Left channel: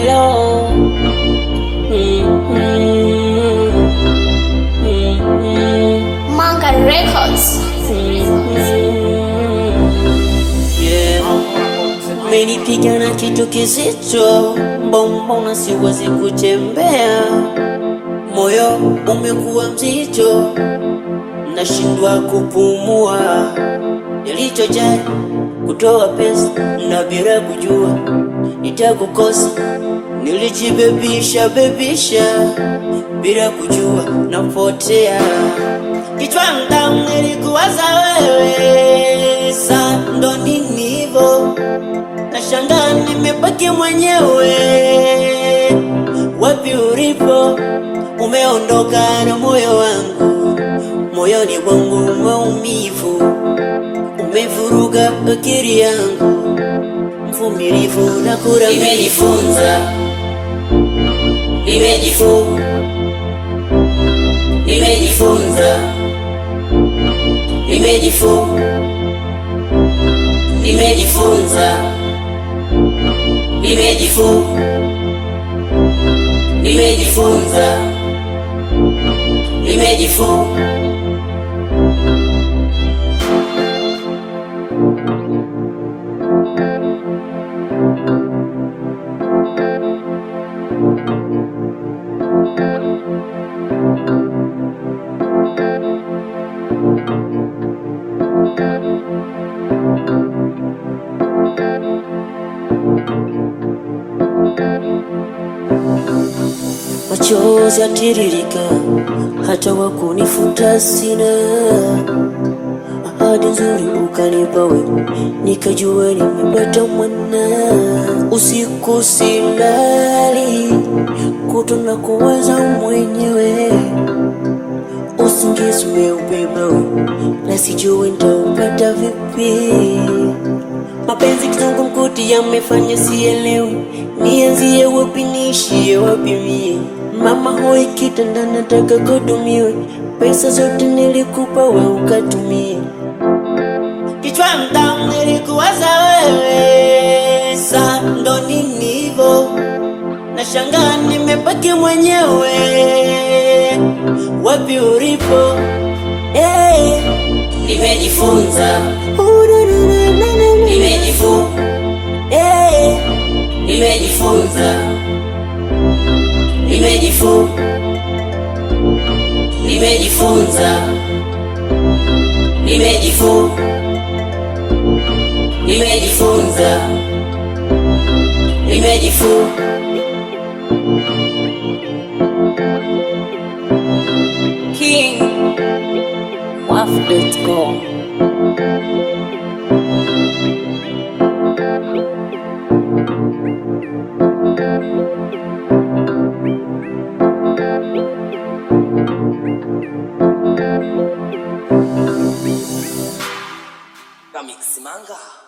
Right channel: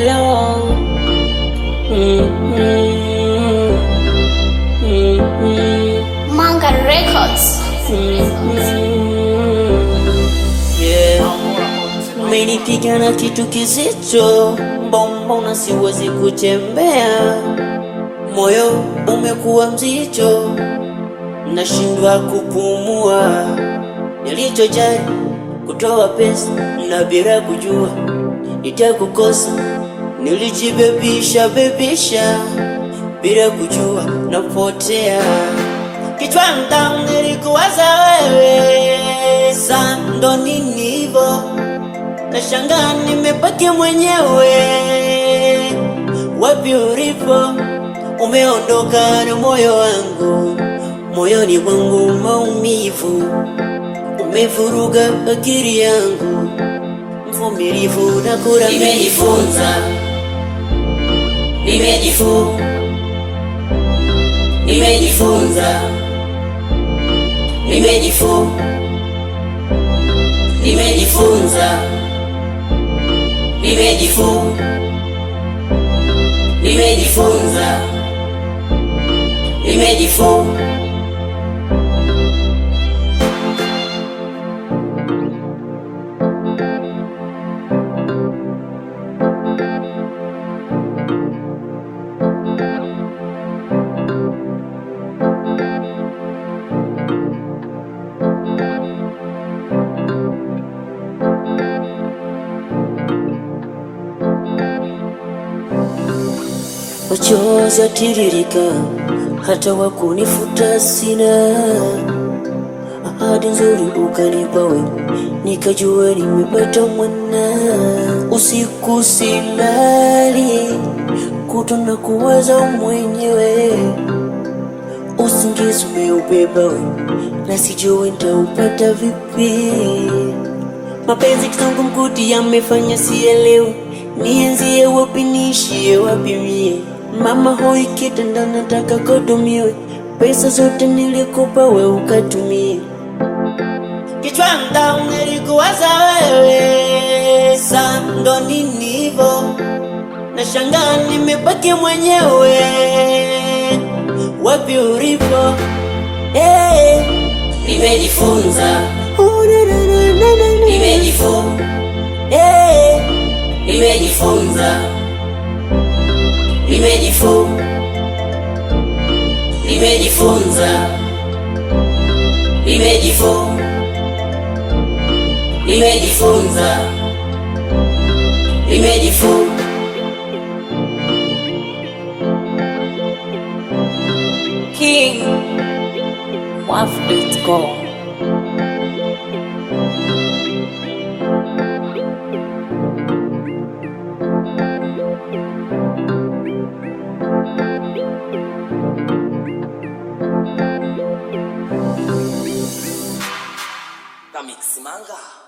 Hello. Manga Records. Yeah. Umenipiga na kitu kizito, mbona siwezi kutembea, moyo umekuwa mzito, nashindwa kupumua. Nilichojali kutoa pesa na bila kujua nitakukosa, nilijibebisha bila kujua napotea. Kichwani ndani nilikuwaza wewe, saa ndo nini hivyo, nashangaa nimebaki mwenyewe. Wapi ulipo, umeondoka na moyo wangu, moyoni mwangu maumivu, umevuruga akili yangu, mvumilivu na kuramia. Nimejifunza machozi yatiririka, hata wakunifuta sina. Ahadi nzuri ukanipa wewe, nikajua nimepata mwana. Usiku silali, kutona kuwaza mwenyewe, usingizi umeubeba wewe, na sijui nitaupata vipi. Mapenzi kizungumkuti yamefanya sielewi, nianzie wapi niishie wapi mie. Mama hoi kitanda nataka kutumiwe, pesa zote nilikupa wewe ukatumie. Kichwani ndani nilikuwaza wewe, saa ndo nini hivyo, nashangaa nimebaki mwenyewe. Wapi ulipo, nimejifunza King Waf.com. Mix Manga.